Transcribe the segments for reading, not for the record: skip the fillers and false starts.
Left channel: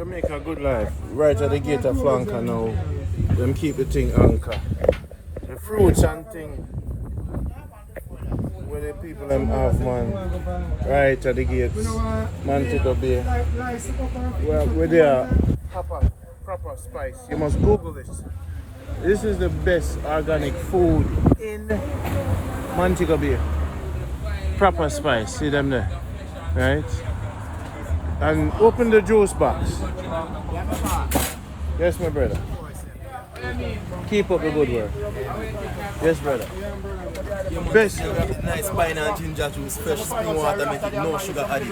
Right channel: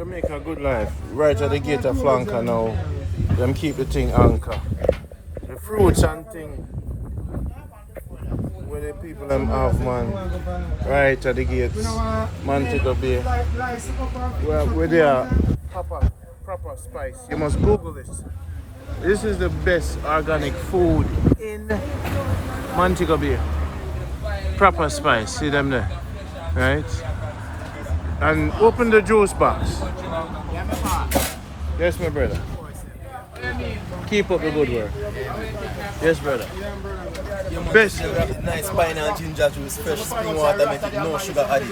Jamaica good life. Right at the gate of flanker now. Them keep the thing anchor. The fruits and thing. Where the people them have, man. Right at the gates. Montego Bay. We're there. Prapa Spice. You must Google this. This is the best organic food in Montego Bay. Prapa Spice. See them there? Right? And open the juice box. Yes, my brother. Keep up the good work. Yes, brother. Best. Nice pineapple ginger juice, fresh spring water, make it no sugar added.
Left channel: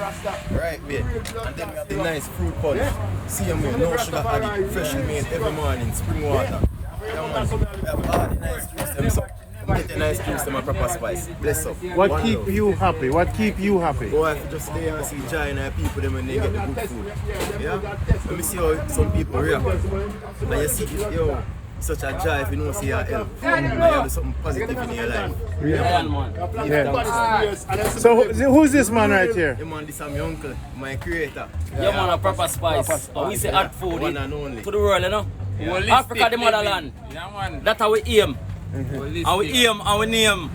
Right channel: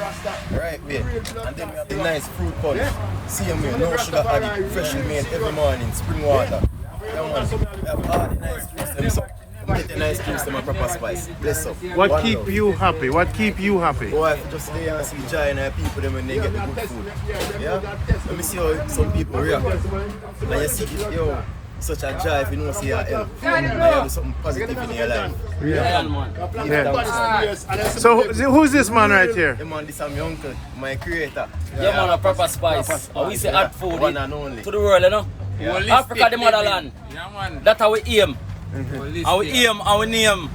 Right there. And then we have the nice fruit punch. See them there, no sugar added, freshly made every morning, spring water. We have all the nice juice, so get a nice juice to my Prapa Spice. Bless up. What keep you happy? What keep you happy? Oh, I just lay and see joy in our people them when they get the good food. Yeah? Let me see how some people react. And you see, yo, such a joy if you don't see your help. And you have something positive in your life. Yeah. So who's this man right here? Yeah, man, this is my uncle, my creator. Yeah, man, a Prapa Spice. We say add food one and only. to the world, you know? Yeah. Africa, the motherland. Yeah, that's how we aim. And we aim and we name.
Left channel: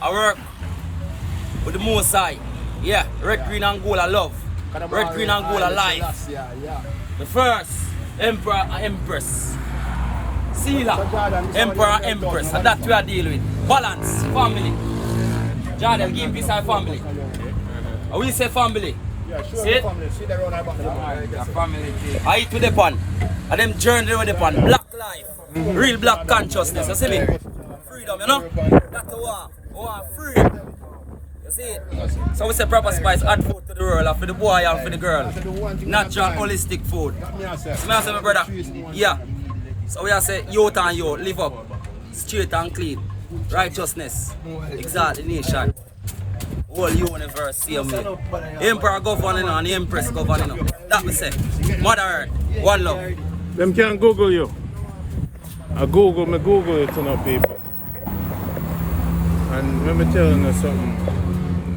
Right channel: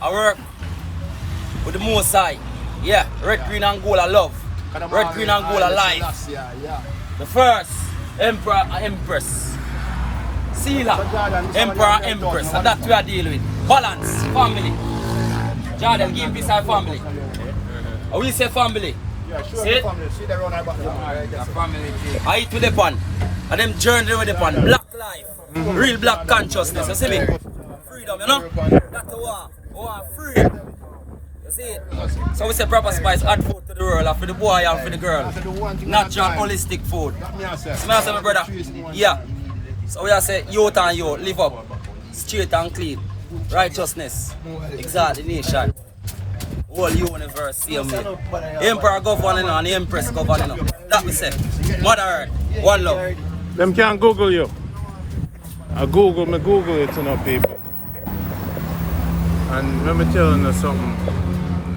I work with the most side. Yeah, red, green and gold I love. Red, green and gold I life. The first Emperor and Empress. Sealer, Emperor and Empress. And that's what we are dealing with. Balance, family. Jordan, give peace and family. And we say family. See it? I eat with the pan. And them journey with the pan. Black life. Real black consciousness. You see me? Freedom, you know? That's the war. War free. You see it? So we say Prapa Spice add food to the world and for the boy and for the girl. Natural, holistic food. So I say my brother, yeah. So we are say youth and youth, live up. Straight and clean. Righteousness. Exalt the nation. Whole universe, same way. Emperor governing and the Empress governing. That we say. Mother Earth, one love. Them can't Google you. I Google it, you know, people. And let me tell you something.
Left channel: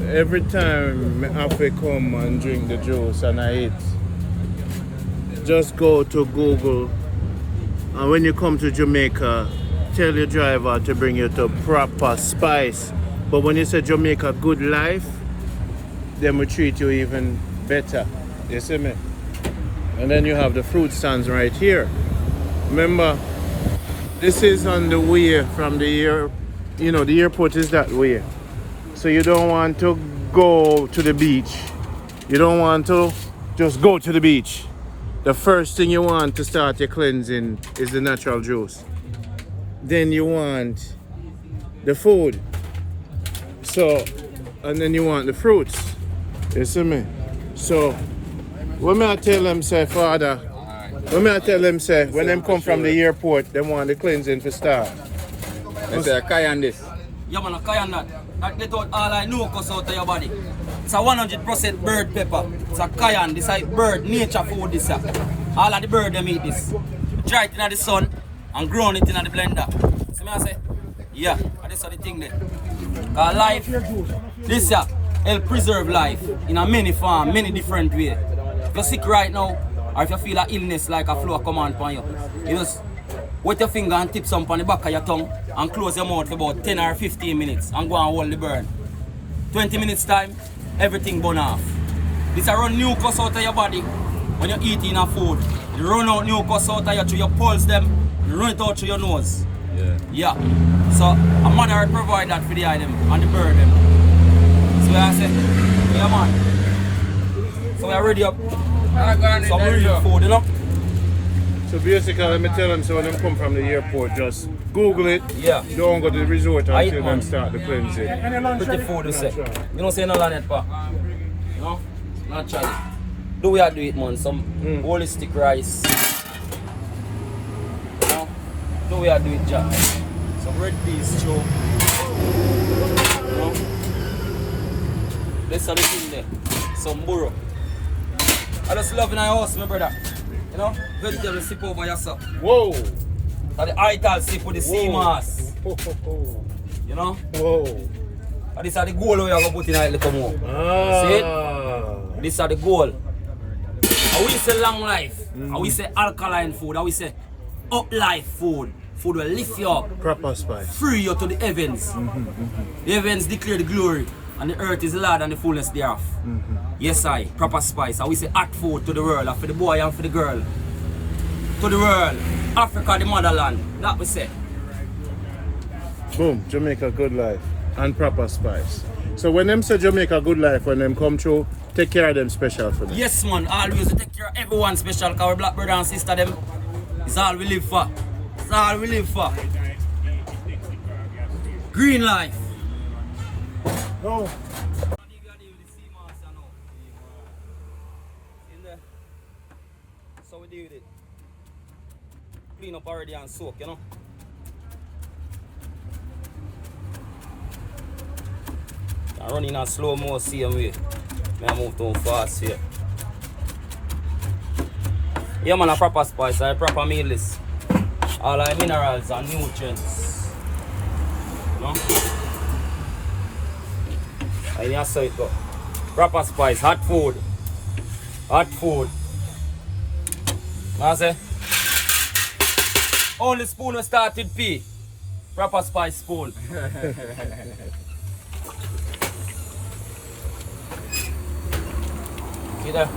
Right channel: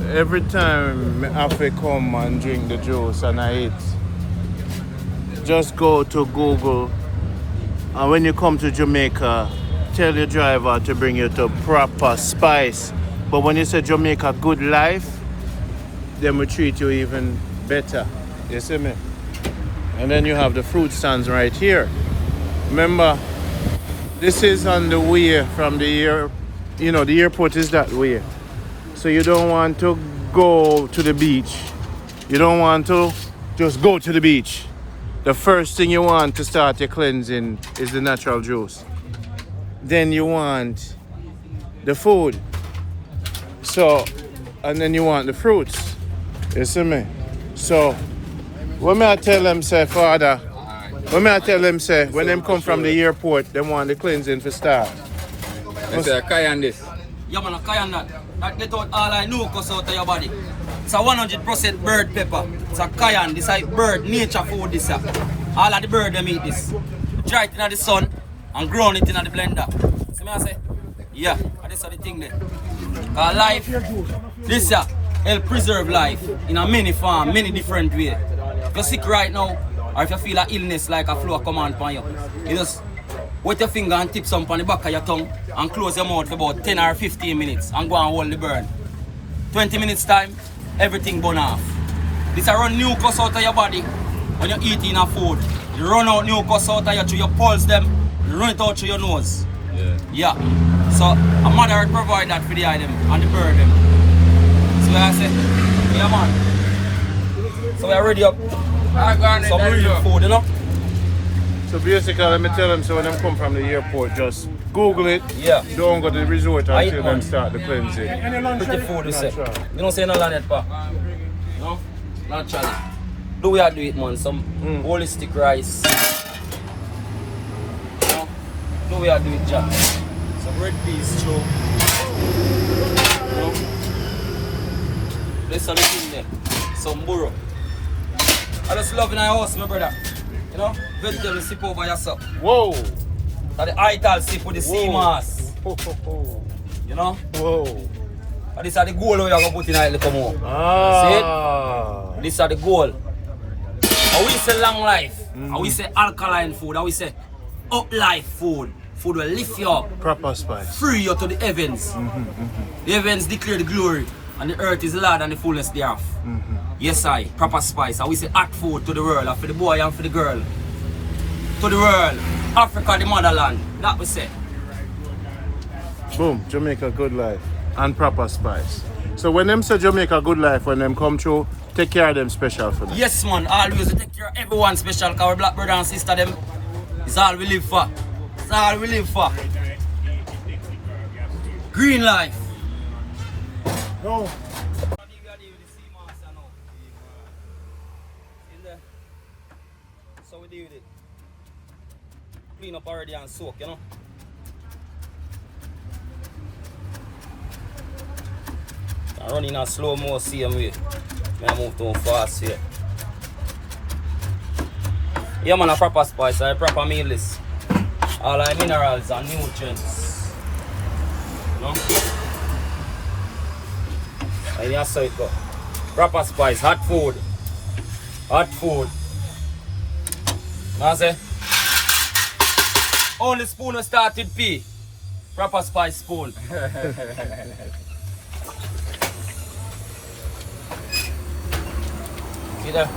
Every time I have to come and drink the juice and I eat, just go to Google. And when you come to Jamaica, tell your driver to bring you to Prapa Spice. But when you say Jamaica good life, then we treat you even better. You see me? And then you have the fruit stands right here. Remember, this is on the way from the the airport is that way. So you don't want to go to the beach. You don't want to just go to the beach. The first thing you want to start your cleansing is the natural juice. Then you want the food. So, and then you want the fruits. You see me? So, when I tell them, say, Father, when I tell them, say, when them come from the airport, they want the cleansing to start. I say, Kayan this. Yeah, man, Kayan that. They thought all I know goes out of your body. It's a 100% bird pepper. It's a Kayan. This is bird, nature food. This all of the bird them eat this. Dry it in the sun and grown it in the blender. See me I say? Yeah, and this is the thing there. Life, this help preserve life in a many form, many different ways. If you're sick right now, or if you feel an illness like a flu come on you, you just wet your finger and tip some on the back of your tongue and close your mouth for about 10 or 15 minutes and go and hold the bird. 20 minutes time, everything burn off. This run mucus out of your body when you're eating a food. You run out mucus out of you through your pulse them, you run it out through your nose. Yeah. So a Mother Earth provide that for the item and the bird them. So I say, yeah man. So we are ready up some real food, you know? So basically, let me tell them, so when them come from the airport, just Google it. Yeah. Don't go to the resort until them start the cleansing. Pretty food, you say. You don't say no land yet, pa. No? Naturally. Do we have to eat, man? Some holistic rice. Do we have to eat, Jack? Some red peas, too. There's something there. Some burro. I just love in our house, my brother. You know, vegetable sip over yourself. Whoa! That the Ital sip with the sea moss. You know? Whoa! And this is the goal we are going to put in a little more. See it? This is the goal. And we say long life. And we say alkaline food, and we say up life food. Food will lift you up, Prapa Spice. free you to the heavens. The heavens declare the glory, and the earth is the Lord and the fullness thereof. Yes, I, Prapa Spice. And we say hot food to the world, and for the boy and for the girl. To the world, Africa, the motherland. That we say. Boom, Jamaica good life and Prapa Spice. So when them say Jamaica good life, when them come through, take care of them special for them. Yes, man, always take care of everyone special, because our black brother and sister, them, it's all we live for. It's all we live for. Green life. Oh. So we deal with it. Clean up already and soak, you know. I run in a slow mo same way. I move too fast here. Yeah man, a Prapa Spice, a proper meal list. All our minerals and nutrients. You know? And that's how it go. Prapa Spice, hot food. Hot food. I say, only spoon we started pee. Prapa Spice spoon. See there?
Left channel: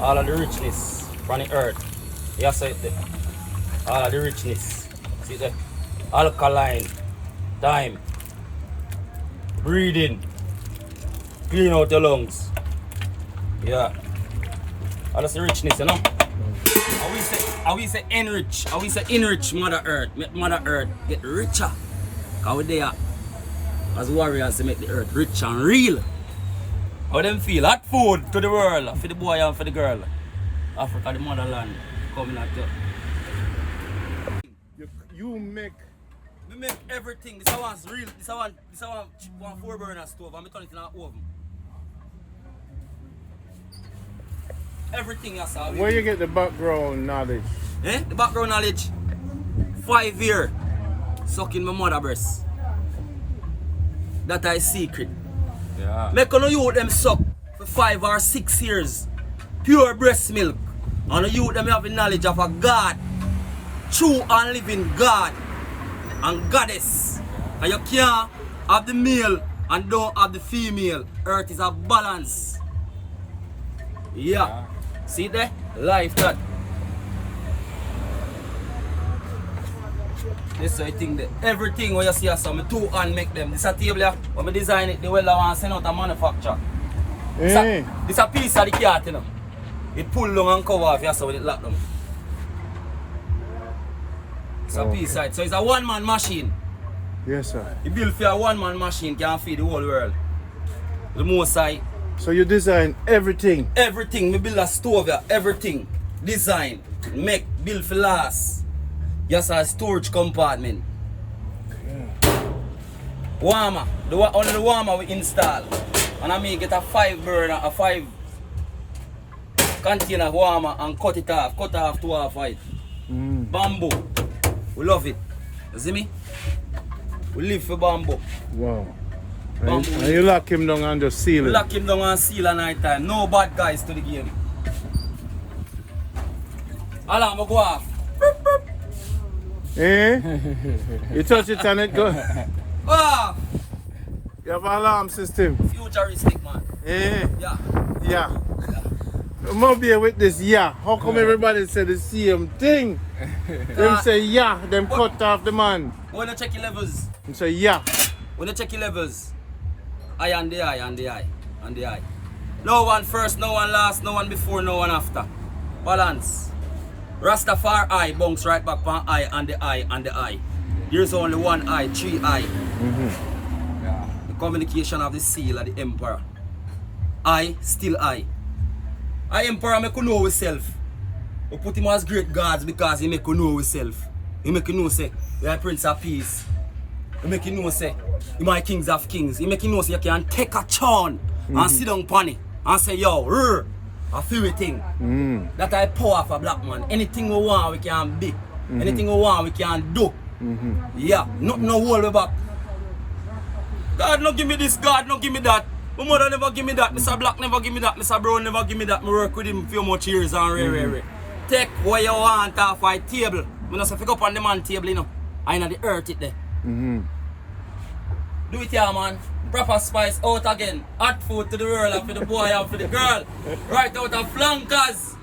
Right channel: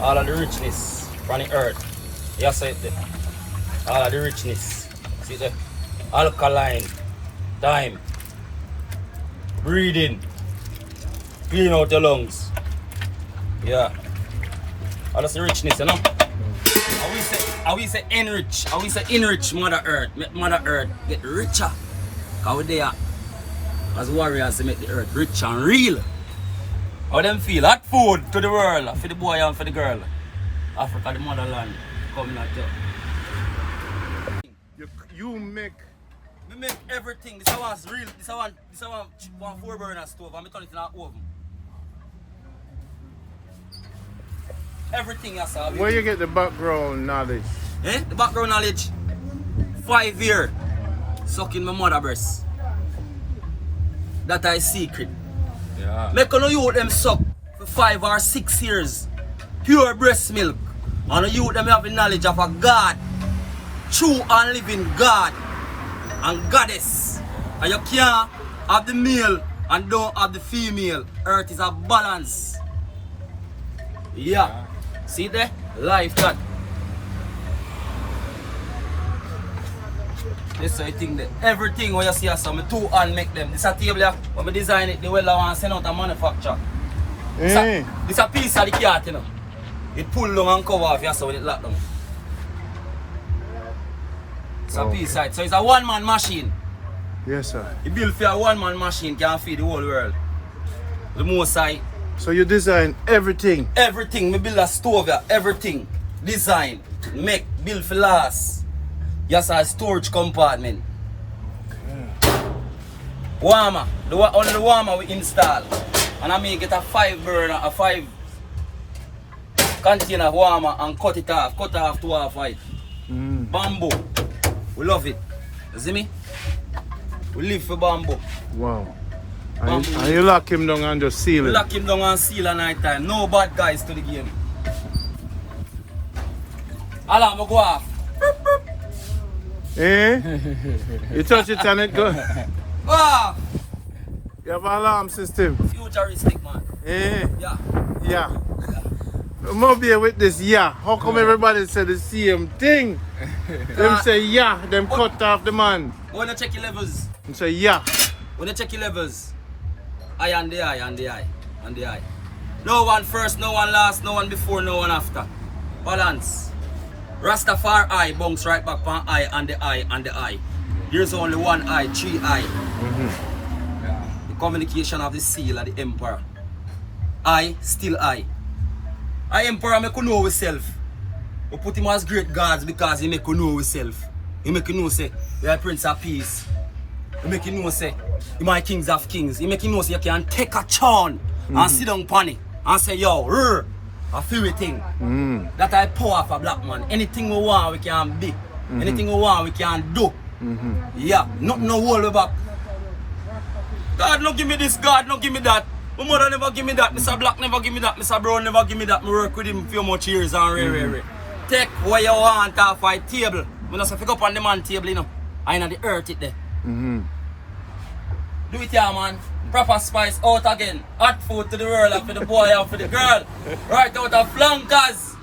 All of the richness from the earth. Yes, I there. All of the richness. See there? Alkaline. Time. Breathing. Clean out your lungs. Yeah. All that's the richness, you know? I will say enrich. I will say enrich Mother Earth. Make Mother Earth get richer. Because we're there as warriors to make the earth rich and real. How them feel? Hot food to the world, for the boy and for the girl. Africa, the motherland, coming at you. You make... We make everything. This one's real. This one 4-burner stove, and I turn it in an oven. Everything that's how we Where do. you get the background knowledge? Eh? The background knowledge? 5 years sucking my mother breast. That is secret. Yeah. Make on you them suck for 5 or 6 years. Pure breast milk. And you them have the knowledge of a God. True and living God and goddess. And you can't have the male and don't have the female. Earth is a balance. Yeah. See there? Life that. This is the thing that everything when you see us, my 2 hand make them. This is a table here. When I design it, the way I want to send out a manufacturer. Hey. This is a piece of the cart, you know. It pull down and cover off, you see when it lock down. It's a piece of it. So it's a one-man machine. Yes, sir. It built for a one-man machine can feed the whole world. The most side. So you design everything? Everything. Me build a stove here. Everything. Design. Make. Build for last. Yes, a storage compartment. Warmer. Only the warmer we install. And I make it a 5-burner, a 5 container warmer and cut it off. Cut off 2 half white. Bamboo. We love it. You see me? We live for bamboo. Wow. And you lock him down and just seal it? Lock him down and seal at night time. No bad guys to the game. Alarm go off. Eh? You touch it and it go? Ah! You have an alarm system? Futuristic man. Eh? Yeah. Yeah. I'm not be with this yeah. How come everybody say the same thing? Them say yeah, them cut off the man. When you check your levels. Them say yeah. When you check your levels. Eye and the eye and the eye and the eye. No one first, no one last, no one before, no one after. Balance. Rastafari eye bounce right back on eye and the eye and the eye. There's only one eye, 3 eye. The communication of the seal of the emperor. I still I. I emperor make you know himself. We put him as great gods because he make you know himself. He make you know say you are Prince of Peace. He make you know say you are kings of kings. He make you know say you can take a churn and sit down on it and say yo, a few thing. That I power for black man. Anything we want we can be. Anything we want we can do. Yeah, nothing no hold me back. God no give me this, God no give me that. My mother never give me that, Mr. Black never give me that, Mr. Brown never give me that. I work with him a few much years and rare. take what you want off my table. When I say pick up on the man table, you know, I know the earth it there. Mm-hmm. Do it here, man. Prapa Spice out again. Hot food to the world and for the boy and for the girl. Right out of flankers.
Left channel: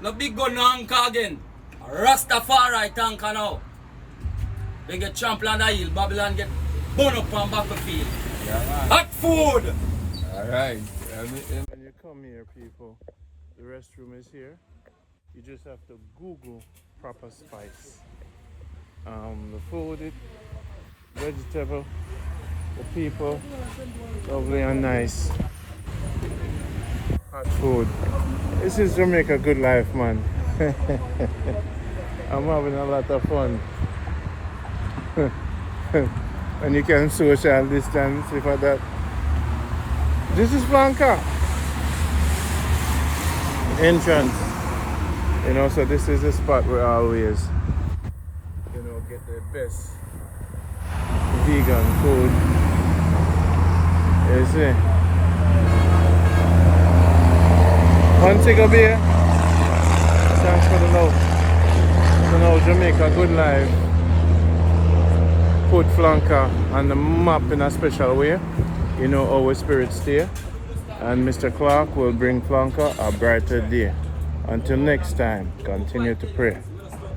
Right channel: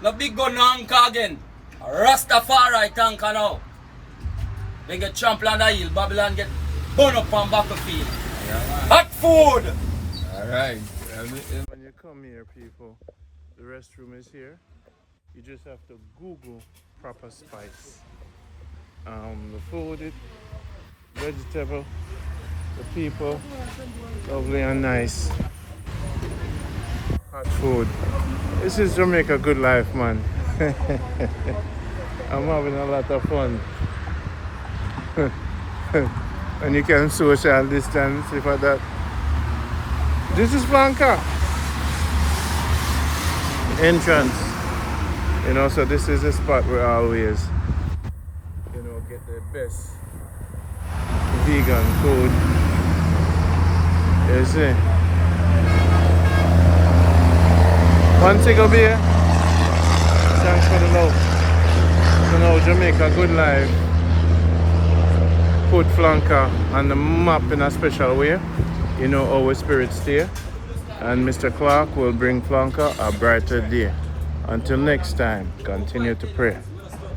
No big gun no anchor again. Rastafari tanker now. They get trampled on the hill. Babylon get burned up on battlefield. Hot food! Alright. When you come here, people, the restroom is here. You just have to Google Prapa Spice. The food, vegetable, the people, lovely and nice. Hot food. This is Jamaica good life, man. I'm having a lot of fun. And you can social distance if at that. This is Flanker. Entrance. You know, so this is the spot where I always, you know, get the best vegan food. You see? Montego Bay. Thanks for the love. You know, Jamaica good life. Put Flanker on the map in a special way. You know, our spirits stay. And Mr. Clark will bring Flanker a brighter day. Until next time, continue to pray.